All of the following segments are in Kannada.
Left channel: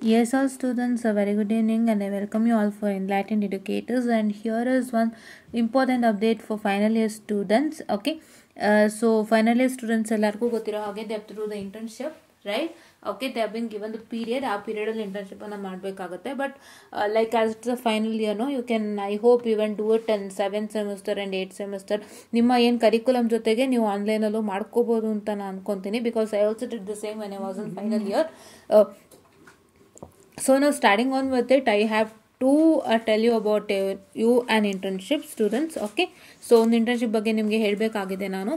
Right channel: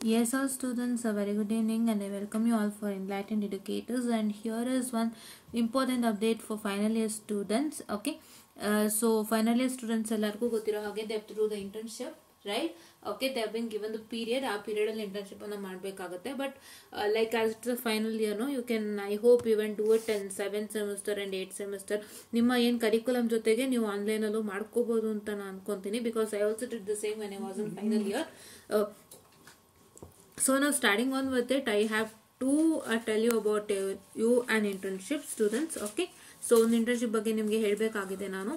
Yes, all students, a very good evening, and I welcome you all for Enlightened Educators. And here is one important update for final year students. Okay, so final year students ellargu gottiro hage they have to do the internship, right? Okay, they have been given the period. ಆ period ಅಲ್ಲಿ internship ಅನ್ನ ಮಾಡಬೇಕಾಗುತ್ತೆ. But like as the final year, no, you can, I hope, even do it in 7th semester and 8th semester. ನಿಮ್ಮ ಏನು ಕರಿಕ್ಯುಲಮ್ ಜೊತೆಗೆ ನೀವು ಆನ್ಲೈನ್ ಅಲ್ಲೂ ಮಾಡ್ಕೋಬಹುದು ಅಂತ ನಾನು ಅನ್ಕೊಂತೀನಿ. Because I also did the same when I was in final year. So now starting on with it, I have to tell you about you an internship students. Okay, so ಒಂದು ಇಂಟರ್ನ್ಶಿಪ್ ಬಗ್ಗೆ ನಿಮಗೆ ಹೇಳಬೇಕಾಗಿದೆ ನಾನು.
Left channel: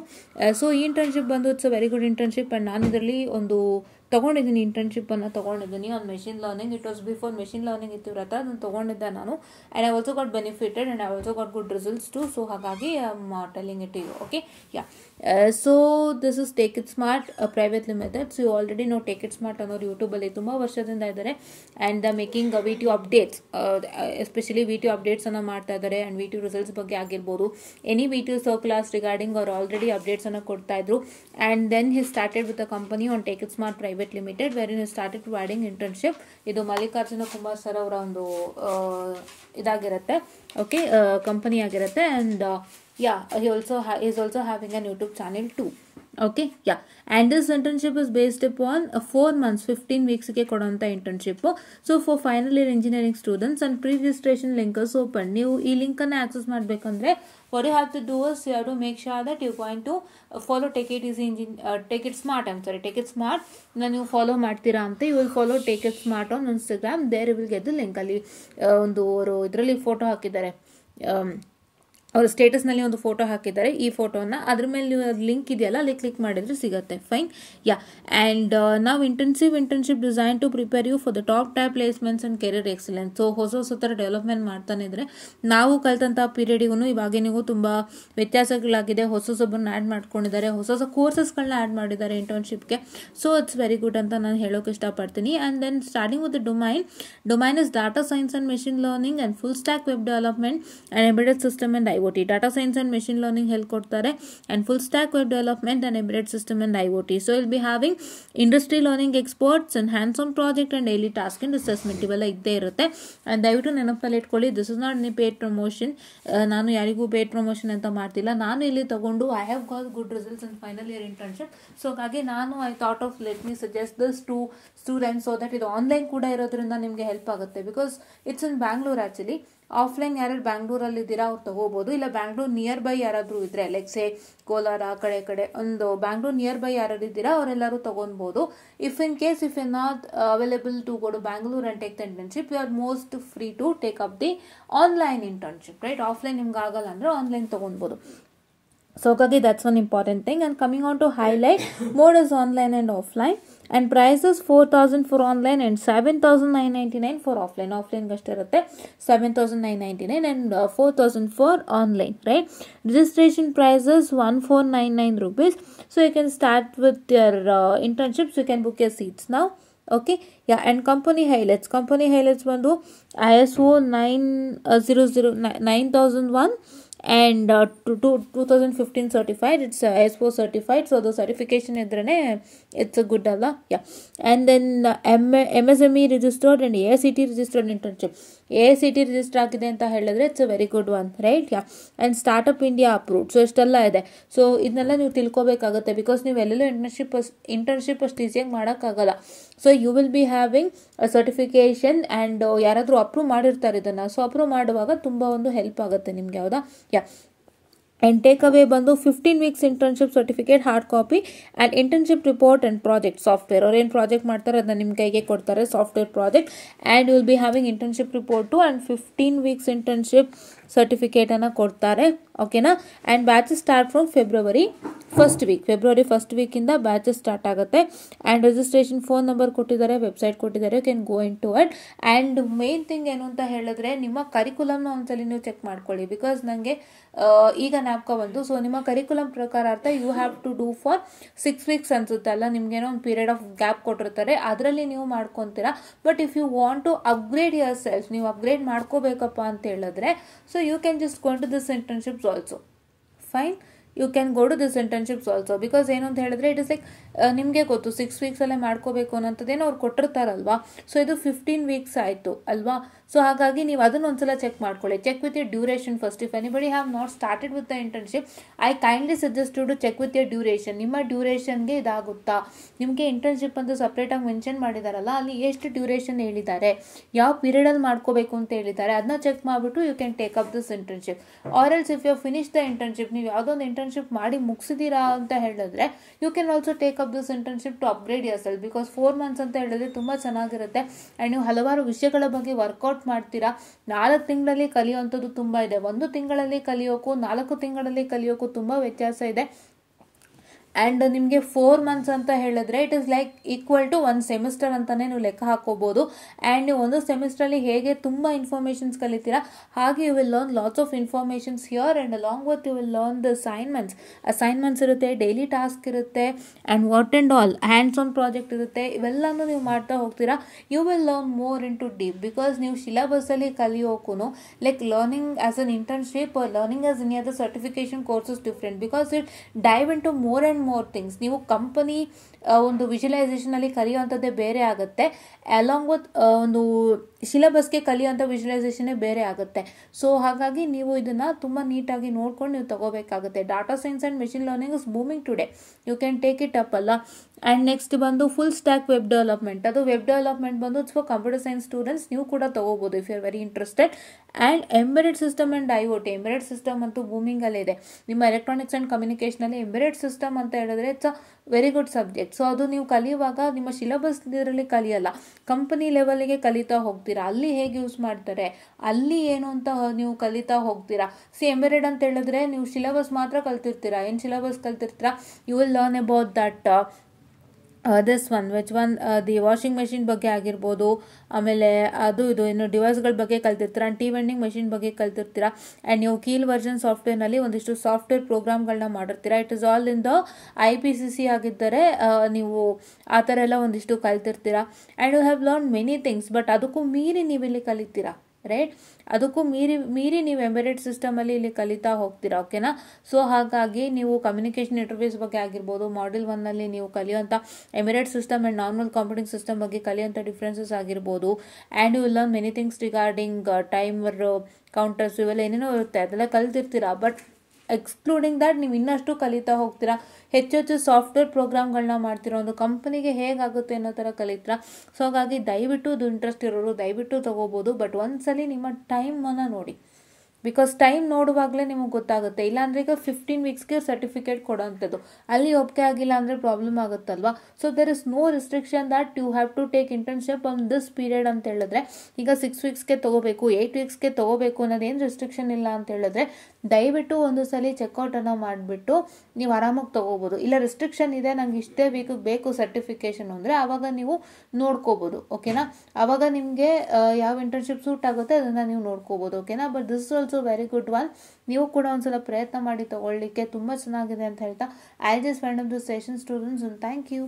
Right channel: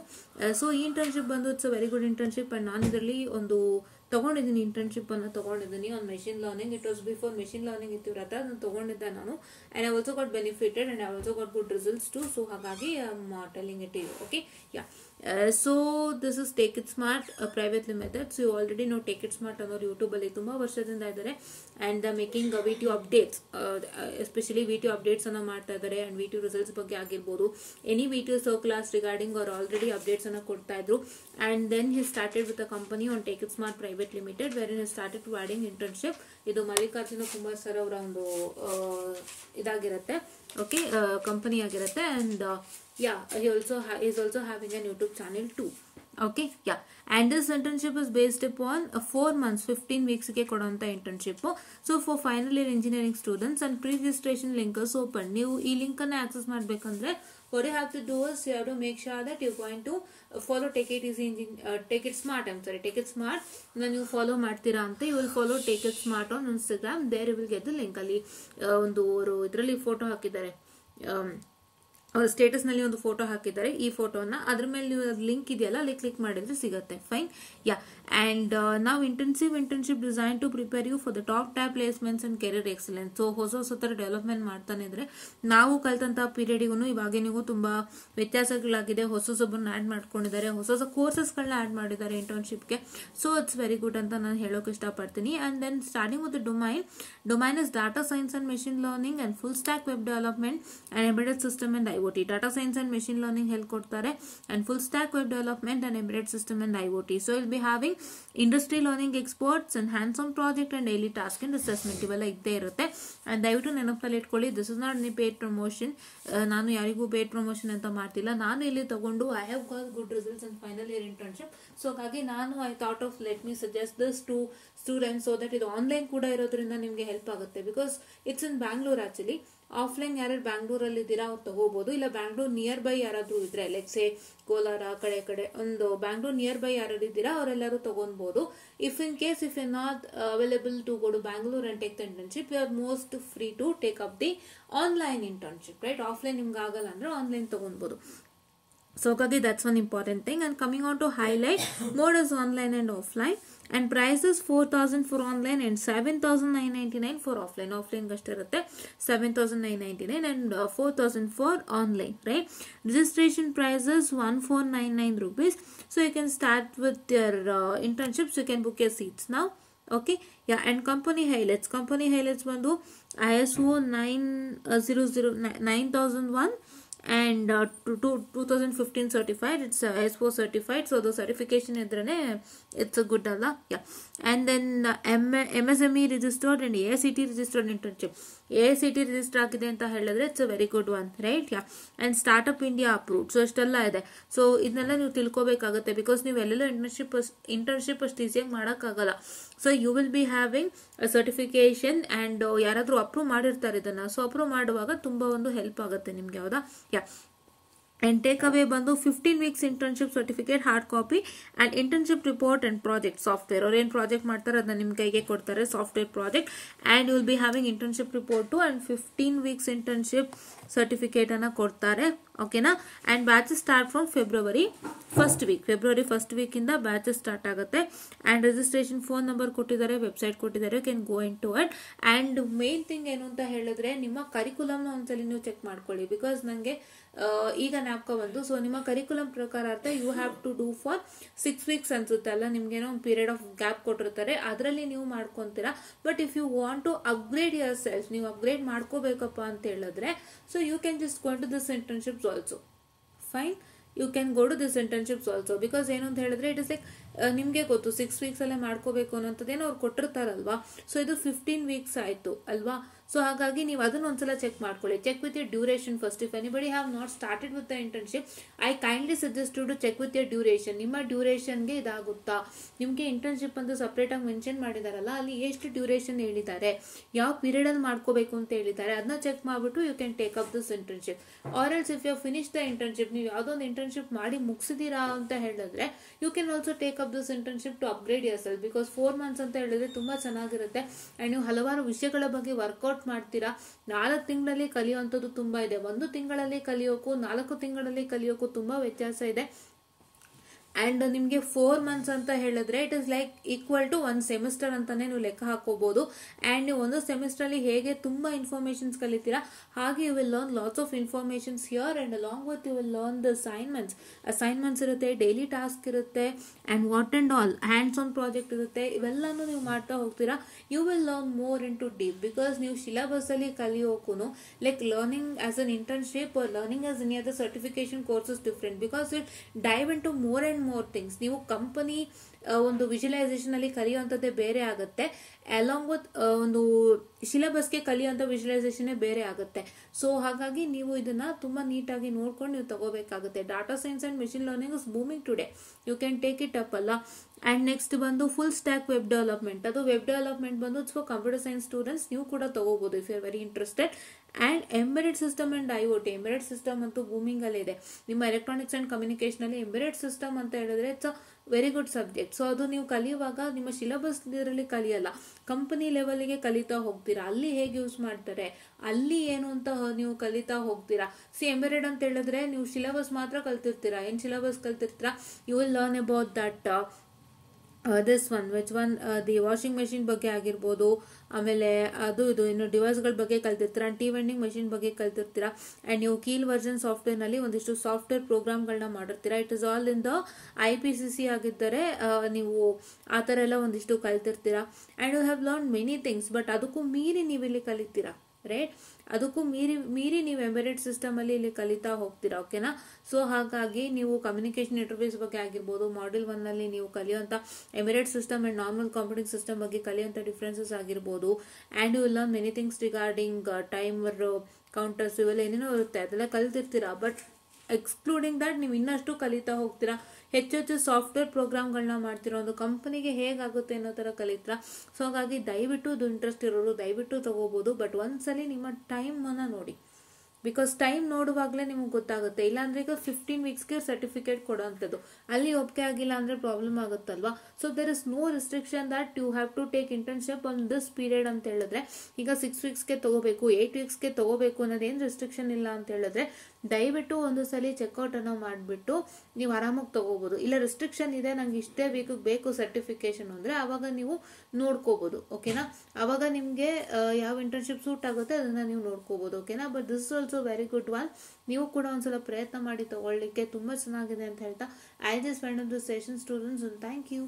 ಸೊ ಈ ಇಂಟರ್ನ್ಶಿಪ್ ಬಂದು it's a very good internship and ನಾನು ಇದರಲ್ಲಿ ಒಂದು ತೊಗೊಂಡಿದ್ದೀನಿ, ಇಂಟರ್ನ್ಶಿಪ್ಪನ್ನು ತೊಗೊಂಡಿದ್ದೀನಿ on machine learning. It was before machine learning ಇತ್ತಿರತ್ತೆ, ಅದನ್ನು ತೊಗೊಂಡಿದ್ದೆ ನಾನು. And I also got benefited and I also got good results too. So ಹಾಗಾಗಿ I am telling it to you. Okay, yeah. So this is take it smart private limited. So you already no take it smart ಅನ್ನೋರು ಯೂಟ್ಯೂಬಲ್ಲಿ ತುಂಬ ವರ್ಷದಿಂದ ಇದ್ದಾರೆ. And the making V T updates, especially V T ಅಪ್ಡೇಟ್ಸನ್ನು ಮಾಡ್ತಾ ಇದ್ದಾರೆ. ಆ್ಯಂಡ್ ವಿ ಟಿ ರಿಸಲ್ಟ್ಸ್ ಬಗ್ಗೆ ಆಗಿರ್ಬೋದು, any V T circulars regarding ಅವ್ರು ಆಲ್ರೆಡಿ ಅಪ್ಡೇಟ್ಸನ್ನು ಕೊಡ್ತಾ ಇದ್ರು. And then he started with a company on take it smart private limited where in he started providing internship. ಇದು ಮಲ್ಲಿಕಾರ್ಜುನ ಕುಮಾರ್ ಸರ್ ಅವರ ಒಂದು ಇದಾಗಿರುತ್ತೆ, ಓಕೆ, ಕಂಪನಿ ಆಗಿರುತ್ತೆ. And yeah, he is also having a YouTube channel too. Okay, yeah, and this internship is based upon 4 months 15 weeks ಗೆ ಕೊಡುವಂತ internship. So for final year engineering students and pre-registration link is open. ನೀವು ಈ ಲಿಂಕ್ ಅನ್ನು ಆಕ್ಸೆಸ್ ಮಾಡಬೇಕಂದ್ರೆ what you have to do is you have to make sure that you're going to follow take it smart ನೀವು ಫಾಲೋ ಮಾಡ್ತೀರಾ ಅಂತ. you will follow take it smart on Instagram. there you will get the link. ಅಲ್ಲಿ ಒಂದು ಅವರು ಇದರಲ್ಲಿ ಫೋಟೋ ಹಾಕಿದ್ದಾರೆ, ಅವ್ರ ಸ್ಟೇಟಸ್ನಲ್ಲಿ ಒಂದು ಫೋಟೋ ಹಾಕಿದ್ದಾರೆ. ಈ ಫೋಟೋನ ಅದ್ರ ಮೇಲೆ ನೀವು ಲಿಂಕ್ ಇದೆಯಲ್ಲ ಅಲ್ಲಿ ಕ್ಲಿಕ್ ಮಾಡಿದ್ರೆ ಸಿಗುತ್ತೆ. Fine, yeah. ಆ್ಯಂಡ್ ನಾವು internship design to prepare you for the top type placements and career excellence. So ಹೊಸ ಥರ ಡೆವಲಪ್ಮೆಂಟ್ ಮಾಡ್ತಾನೆ ಇದ್ರೆ ನಾವು ಕಲ್ತಂಥ ಪೀರಿಯಡಿಗೂ ಇವಾಗಿನಿಗೂ ತುಂಬ ವ್ಯತ್ಯಾಸಗಳಾಗಿದೆ. ಹೊಸೊಬ್ಬರನ್ನ ಆ್ಯಡ್ ಮಾಡ್ಕೊಂಡಿದ್ದಾರೆ, ಹೊಸ ಕೋರ್ಸಸ್ಗಳನ್ನ ಆ್ಯಡ್ ಮಾಡಿದ್ದಾರೆ ಇಂಟರ್ನ್ಶಿಪ್ಗೆ. ಸೊ ಇಟ್ಸ್ ವೆರಿ ಗುಡ್ ಅಂತ ನಾನು ಹೇಳೋಕೆ ಇಷ್ಟಪಡ್ತೀನಿ. And then starting with the domain is data science and machine learning and full stack web development and embedded system and IoT. Data science and machine learning ಹೇಳ್ಕೊಡ್ತಾರೆ and full stack web development and embedded system and IoT. So will be having industry learning experts and hands on project and daily task and assessment ಇವೆಲ್ಲ ಇದ್ದೇ ಇರುತ್ತೆ. ಅಂಡ್ ದಯವಿಟ್ಟು ನೆನಪಲ್ಲಿ ಇಟ್ಕೊಳ್ಳಿ, this is not any paid promotion. ನಾನು ಯಾರಿಗೂ ಪೇಡ್ ಪ್ರಮೋಷನ್ ಅಂತ ಮಾಡ್ತಿಲ್ಲ. ನಾನು ಇಲ್ಲಿ ತಗೊಂಡು I have got good results in final year internship. So ಹಾಗಾಗಿ ನಾನು I thought of let me suggest this to students so that ಇದು ಆನ್ಲೈನ್ ಕೂಡ ಇರೋದ್ರಿಂದ ನಿಮಗೆ ಹೆಲ್ಪ್ ಆಗುತ್ತೆ. Because it's in Bangalore actually. Offline ಯಾರು ಬ್ಯಾಂಗ್ಳೂರಲ್ಲಿ ಇದ್ದೀರಾ ಅವ್ರು ತಗೋಬಹುದು, ಇಲ್ಲ ಬ್ಯಾಂಗ್ಳೂರ್ ನಿಯರ್ ಬೈ ಯಾರಾದ್ರೂ ಇದ್ರೆ ಲೈಕ್ ಸೇ ಕೋಲಾರ ಕಡೆ ಒಂದು ಬ್ಯಾಂಗ್ಳೂರ್ ನಿಯರ್ ಬೈ ಯಾರು ಇದ್ದೀರಾ ಅವರೆಲ್ಲರೂ ತಗೊಬಹುದು. If in case if you not available to go to Bangalore and take the internship, you are most free to take up the online internship, right? Offline ನಿಮ್ಗೆ ಆಗಲ್ಲ ಅಂದ್ರೆ ಆನ್ಲೈನ್ ತಗೊಬಹುದು. So Kagi, that's one important thing. And coming on to highlight, mode is online and offline. And prices 4,000 for online and 7,999 for offline. Offline gashtirutte 7,999 and 4,000 for online, right? Registration prices 1,499 rupees. So you can start with your internships. You can book your seats now. Okay, yeah. And company highlights bandu ISO 9001 and 2015 certified. It's ISO certified, so the certification idrane it's a good alla, yeah. And then MSME registered and AICT registered internship. AICT register ಆಗಿದೆ ಅಂತ ಹೇಳಿದ್ರೆ it's a very good one, right? Yeah. And startup India approved. So ಇಷ್ಟೆಲ್ಲ ಇದೆ. ಸೊ ಇದನ್ನೆಲ್ಲ ನೀವು ತಿಳ್ಕೊಬೇಕಾಗುತ್ತೆ ಬಿಕಾಸ್ ನೀವು ಎಲ್ಲೆಲ್ಲೋ ಇಂಟರ್ನ್ಶಿಪ್ ಅಷ್ಟು ಈಸಿಯಾಗಿ ಮಾಡೋಕ್ಕಾಗಲ್ಲ. So you will be having a certification and ಯಾರಾದರೂ ಅಪ್ರೂವ್ ಮಾಡಿರ್ತಾರೆ ಇದನ್ನು. ಸೊ ಅಪ್ರೂವ್ ಮಾಡುವಾಗ ತುಂಬ ಒಂದು ಹೆಲ್ಪ್ ಆಗುತ್ತೆ ನಿಮ್ಗೆ, ಹೌದಾ? ಯಾ. And take away bandu 15 weeks internship certificate hard copy and internship report and project software or ಏನು ಪ್ರಾಜೆಕ್ಟ್ ಮಾಡ್ತಾರೆ ಅದನ್ನ ನಿಮ್ಮ ಕೈಗೆ ಕೊಡ್ತಾರೆ, software project. And you will be having internship report and 15 weeks internship certificate ಅನ್ನು ಕೊಡ್ತಾರೆ, ಓಕೆನಾ? And batches start from February first ವೀಕಿಂದ ಬ್ಯಾಚಸ್ ಸ್ಟಾರ್ಟ್ ಆಗುತ್ತೆ. ಆ್ಯಂಡ್ ರಿಜಿಸ್ಟ್ರೇಷನ್ ಫೋನ್ ನಂಬರ್ ಕೊಟ್ಟಿದ್ದಾರೆ, ವೆಬ್ಸೈಟ್ ಕೊಟ್ಟಿದ್ದಾರೆ, you can go in to it. And main thing ಏನು ಅಂತ ಹೇಳಿದ್ರೆ ನಿಮ್ಮ ಕರಿಕ್ಯುಲಮ್ನ ಒಂದ್ಸಲಿ ನೀವು ಚೆಕ್ ಮಾಡ್ಕೊಳ್ಳಿ. ಬಿಕಾಸ್ ನನಗೆ ಈಗ ಜ್ಞಾಪಕ ಬಂತು. ಸೊ ನಿಮ್ಮ ಕರಿಕ್ಯುಲಮ್ ಪ್ರಕಾರ ಅರ್ಥ you have to do for 6 weeks ಅನ್ಸುತ್ತೆ ಅಲ್ಲ, ನಿಮ್ಗೇನೋ ಒಂದು ಪೀರಿಯಡ್ ಆಫ್ ಗ್ಯಾಪ್ ಕೊಟ್ಟಿರ್ತಾರೆ, ಅದರಲ್ಲಿ ನೀವು ಮಾಡ್ಕೊತೀರಾ. But if you want to upgrade yourself, ನೀವು ಅಪ್ಗ್ರೇಡ್ ಮಾಡ್ಕೋಬೇಕಪ್ಪ ಅಂತ ಹೇಳಿದ್ರೆ, so you can just go to this internships also. Fine, you can go to this internships also because ಏನು ಅಂತ ಹೇಳಿದ್ರೆ ಇಟ್ ಇಸ್ ಲೈಕ್ ನಿಮಗೆ ಗೊತ್ತು 6 ವೀಕ್ಸಲ್ಲೇ ಮಾಡ್ಕೋಬೇಕು ಅನ್ನೋಂಥದ್ದೇನೋ ಅವ್ರು ಕೊಟ್ಟಿರ್ತಾರಲ್ವಾ. ಸೊ ಇದು 15 ವೀಕ್ಸ್ ಆಯಿತು ಅಲ್ವಾ. ಸೊ ಹಾಗಾಗಿ ನೀವು ಅದನ್ನ ಒಂದ್ಸಲ ಚೆಕ್ ಮಾಡ್ಕೊಳ್ಳಿ. Check with your duration first. If anybody have not started with the internship, I kindly suggest to check with your duration. ನಿಮ್ಮ ಡ್ಯೂರೇಷನ್ಗೆ ಇದಾಗುತ್ತಾ, ನಿಮಗೆ ಇಂಟರ್ನ್ಶಿಪ್ ಅಂತ ಸಪ್ರೇಟಾಗಿ ಮೆನ್ಷನ್ ಮಾಡಿದಾರಲ್ಲ, ಅಲ್ಲಿ ಎಷ್ಟು ಡ್ಯೂರೇಷನ್ ಹೇಳಿದ್ದಾರೆ, ಯಾವ ಪೀರಿಯಡಲ್ಲಿ ಮಾಡ್ಕೋಬೇಕು ಅಂತ ಹೇಳಿದ್ದಾರೆ, ಅದನ್ನ ಚೆಕ್ ಮಾಡಿಬಿಟ್ಟು you can take up this internship. Or else if you finish the internship, ನೀವು ಯಾವುದೋ ಒಂದು ಇಂಟರ್ನ್ಶಿಪ್ ಮಾಡಿ ಮುಗಿಸಿದೀರಾ ಅಂತ ಹೇಳಿದ್ರೆ you can also take up this internship to upgrade yourself. Because 4 months ಅಂತ ಹೇಳಿದ್ರೆ ತುಂಬ ಚೆನ್ನಾಗಿರುತ್ತೆ ಆ್ಯಂಡ್ ನೀವು ಹಲವಾರು ವಿಷಯಗಳ ಬಗ್ಗೆ ವರ್ಕೌಟ್ ಮಾಡ್ತೀರಾ. 4 ತಿಂಗಳಲ್ಲಿ ಕಲಿಯುವಂಥದ್ದು ತುಂಬ ಇದೆ. 1 ತಿಂಗಳಲ್ಲಿ ಕಲಿಯೋಕ್ಕೂ 4 ತಿಂಗಳಲ್ಲಿ ಕಲಿಯೋಕ್ಕೂ ತುಂಬ ವ್ಯತ್ಯಾಸ ಇದೆ. ಆ್ಯಂಡ್ ನಿಮಗೆ 4 ಮಂತ್ಸ್ ಅಂತ ಹೇಳಿದ್ರೆ it is like equal to 1 semester ಅಂತಾನೆ ನೀವು ಲೆಕ್ಕ ಹಾಕೋಬಹುದು. ಆ್ಯಂಡ್ ನೀವು ಒಂದು ಸೆಮಿಸ್ಟ್ರಲ್ಲಿ ಹೇಗೆ ತುಂಬ ಇನ್ಫಾರ್ಮೇಷನ್ಸ್ ಕಲಿತೀರಾ, ಹಾಗೆ you will learn lots of informations here and along with you will learn the assignments ಇರುತ್ತೆ, ಡೈಲಿ ಟಾಸ್ಕ್ ಇರುತ್ತೆ and what and all hands on project ಇರುತ್ತೆ. ಇವೆಲ್ಲನೂ ನೀವು ಮಾಡ್ತಾ ಹೋಗ್ತೀರಾ. You will learn more in to deep. Because ನೀವು ಸಿಲೆಬಸ್ಸಲ್ಲಿ ಕಲಿಯೋಕ್ಕೂ like learning as an internship or learning as any other certification courses different. Because it dive in to more and more things. ನೀವು ಕಂಪನಿ ಒಂದು ವಿಜುವಲೈಸೇಷನ್ ಅಲ್ಲಿ ಕಲಿಯುವಂಥದ್ದೇ ಬೇರೆ ಆಗುತ್ತೆ, ಅಲಾಂಗ್ ವಿತ್ ಒಂದು ಸಿಲೆಬಸ್ಗೆ ಕಲಿಯುವಂಥ ವಿಜುವಲೈಸೇಷನ್ನೇ ಬೇರೆ ಆಗುತ್ತೆ. ಸೊ ಹಾಗಾಗಿ ನೀವು ಇದನ್ನ ತುಂಬಾ ನೀಟಾಗಿ ನೋಡ್ಕೊಂಡು ನೀವು ತಗೋಬೇಕಾಗುತ್ತೆ. Data science and machine learning is booming today, you can take it up ಅಲ್ಲ. ಆ್ಯಂಡ್ ನೆಕ್ಸ್ಟ್ ಬಂದು ಫುಲ್ ಸ್ಟ್ಯಾಕ್ ವೆಬ್ ಡೆವಲಪ್ಮೆಂಟ್. ಅದು ವೆಬ್ ಡೆವಲಪ್ಮೆಂಟ್ ಬಂದು ಫಾರ್ ಕಂಪ್ಯೂಟರ್ ಸೈನ್ಸ್ ಸ್ಟೂಡೆಂಟ್ಸ್, ನೀವು ಕೂಡ ತಗೋಬಹುದು if you are very interested. And embedded system and IOT. Embedded system ಅಂತೂ ಬೂಮಿಂಗ್ ಅಲ್ಲೇ ಇದೆ. ನಿಮ್ಮ ಎಲೆಕ್ಟ್ರಾನಿಕ್ಸ್ ಅಂಡ್ ಕಮ್ಯುನಿಕೇಶನ್ ಅಲ್ಲಿ ಎಂಬೆಡೆಡ್ ಸಿಸ್ಟಮ್ ಅಂತ ಹೇಳಿದ್ರೆ it's a very good subject. So ಅದು ನೀವು ಕಲಿಯುವಾಗ ನಿಮ್ಮ ಸಿಲೆಬಸ್ ಇದರಲ್ಲಿ ಕಲಿಯಲ್ಲ, ಕಂಪನಿ ಲೆವೆಲ್ಗೆ ಕಲಿತಾ ಹೋಗ್ತೀರಾ. ಅಲ್ಲಿ ಹೇಗೆ ಯೂಸ್ ಮಾಡ್ತಾರೆ, ಅಲ್ಲಿ ಏನು ಅಂತ ನೀವು ಕಲಿತಾ ಹೋಗ್ತೀರಾ. ಎಂಬೆಡೆಡ್ ಅಂತ ಹೇಳಿದ್ರೆ ನೀವು ಸಿಲೆಬಸ್ ಮಾತ್ರ ಕಲ್ತಿರ್ತೀರಾ. ಏನು ಸಿಲೆಬಸ್ ಕಲ್ತಿರ್ತೀರಾ, you will learn about that this one which one the washing machine ಬಗ್ಗೆ ಆಗಿರ್ಬೋದು, ಆಮೇಲೆ ಅದು ಇದು ಇನ್ನು ಡಿವೈಸ್ಗಳ ಬಗ್ಗೆ ಕಲ್ತಿರ್ತೀರಾ, ಟೀ ವೆಂಡಿಂಗ್ ಮೆಷಿನ್ ಬಗ್ಗೆ ಕಲ್ತಿರ್ತೀರಾ. ಆ್ಯಂಡ್ ನೀವು ವರ್ಷನ್ ಸಾಫ್ಟ್ವೇರ್ನಲ್ಲಿ ಒಂದಿಷ್ಟು ಸಾಫ್ಟ್ವೇರ್ ಪ್ರೋಗ್ರಾಮ್ಗಳನ್ನ ಮಾಡಿರ್ತೀರಾ. It is all in the IPCC ಆಗಿದ್ದರೆ ನೀವು ಆ ಥರ ಎಲ್ಲ ಒಂದಿಷ್ಟು ಕಲ್ತಿರ್ತೀರಾ. And you have learn many things. But ಅದಕ್ಕೂ ಮೀರಿ ನೀವು ಇಲ್ಲಿ ಕಲಿತೀರಾ, ರೈಟ್? ಅದಕ್ಕೂ ಮೀರಿ ನೀವು ಎಂಬೆಡೆಡ್ ಸಿಸ್ಟಮ್ ಅಲ್ಲಿ ಇಲ್ಲಿ ಕಲಿತಾ ಹೋಗ್ತೀರಾ. ಓಕೆನಾ? ಸೊ ಹಾಗಾಗಿ ನೀವು ಕಮ್ಯುನಿಕೇಶನ್ ಇಂಟರ್ಫೇಸ್ ಬಗ್ಗೆ ಆಗಿರ್ಬೋದು, ಮಾಡ್ಯೂಲ್ 1 ನಲ್ಲಿ ನೀವು ಕಲಿಯುವಂಥ embedded system and normal computing system ಬಗ್ಗೆ ಕಲಿಯುವಂಥ ಡಿಫ್ರೆನ್ಸಸ್ ಆಗಿರ್ಬೋದು. And you will learn many things regarding timer, counters, ಇವೆಲ್ಲ ಏನೇನೋ ಇರುತ್ತೆ, ಅದೆಲ್ಲ ಕಲ್ತಿರ್ತೀರಾ. ಬಟ್ ಎಕ್ಸ್ಕ್ಲೂಡಿಂಗ್ ದಟ್ ನೀವು ಇನ್ನಷ್ಟು ಕಲಿತಾ ಹೋಗ್ತೀರಾ. ಹೆಚ್ಚು ಸಾಫ್ಟ್ವೇರ್ ಪ್ರೋಗ್ರಾಮ್ಗಳನ್ನ ಮಾಡ್ತಿರೋ ಒಂದು ಕಂಪನಿಗೆ ಹೇಗಾಗುತ್ತೆ ಅನ್ನೋ ಥರ ಕಲಿತೀರಾ. ಸೊ ಹಾಗಾಗಿ ದಯವಿಟ್ಟು ಇದು ಇಂಟ್ರೆಸ್ಟ್ ಇರೋರು ದಯವಿಟ್ಟು ತಗೋಬಹುದು. ಬಟ್ ಒಂದ್ಸಲಿ ನಿಮ್ಮ ಟೈಮನ್ನು ನೋಡಿ. ಬಿಕಾಸ್ ಟೈಮ್ ನೋಡುವಾಗಲೇ ನಿಮಗೆ ಗೊತ್ತಾಗುತ್ತೆ. ಇಲ್ಲಾಂದ್ರೆ ಈಗ 15 ವೀಕ್ಸ್ಗೆ ಸರ್ಟಿಫಿಕೇಟ್ ಕೊಡೋಂಥದ್ದು, ಅಲ್ಲಿ ಒಪ್ಪಿಗೆ ಆಗಿಲ್ಲ ಅಂದರೆ ಪ್ರಾಬ್ಲಮ್ ಆಗುತ್ತಲ್ವಾ. So there is no restriction that you have to take internship on this period ಅಂತ ಹೇಳಿದ್ರೆ ಈಗ 6 ವೀಕ್ಸ್ಗೆ ತಗೋಬೇಕು, 8 ವೀಕ್ಸ್ಗೆ ತಗೋಬೇಕು ಅನ್ನೋದೇನು ರಿಸ್ಟ್ರಿಕ್ಷನ್ ಇಲ್ಲ ಅಂತ ಹೇಳಿದ್ರೆ ದಯವಿಟ್ಟು ಒಂದು ಸಲ ಚೆಕ್ಔಟ್ ಅನ್ನ ಮಾಡಿಬಿಟ್ಟು ನೀವು ಆರಾಮಾಗಿ ತಗೋಬಹುದು. ಇಲ್ಲ ರಿಸ್ಟ್ರಿಕ್ಷನ್ ಇದೆ, ನಂಗೆ ಇಷ್ಟೇ ವೀಕಿಗೆ ಬೇಕು ಸರ್ಟಿಫಿಕೇಶನ್ ಅಂದರೆ ಆವಾಗ ನೀವು ನೋಡ್ಕೋಬಹುದು. ಓಕೆನಾ? ಆವಾಗ ನಿಮಗೆ ಯಾವ ಇಂಟರ್ನ್ಶಿಪ್ ಸೂಟ್ ಆಗುತ್ತೆ ಅದನ್ನ ನೀವು ನೋಡ್ಕೋಬಹುದು. ಓಕೆನಾ? But this is also very good one. ನೀವು ಕೂಡ ಒಂದ್ಸಲ ಪ್ರಯತ್ನ ಮಾಡಿ ತಗೊಳ್ಳಿಕ್ಕೆ, ತುಂಬಾ ಚೆನ್ನಾಗಿದೆ ಅಂತ ಹೇಳ್ತಾ I just find of the session students. Thank you.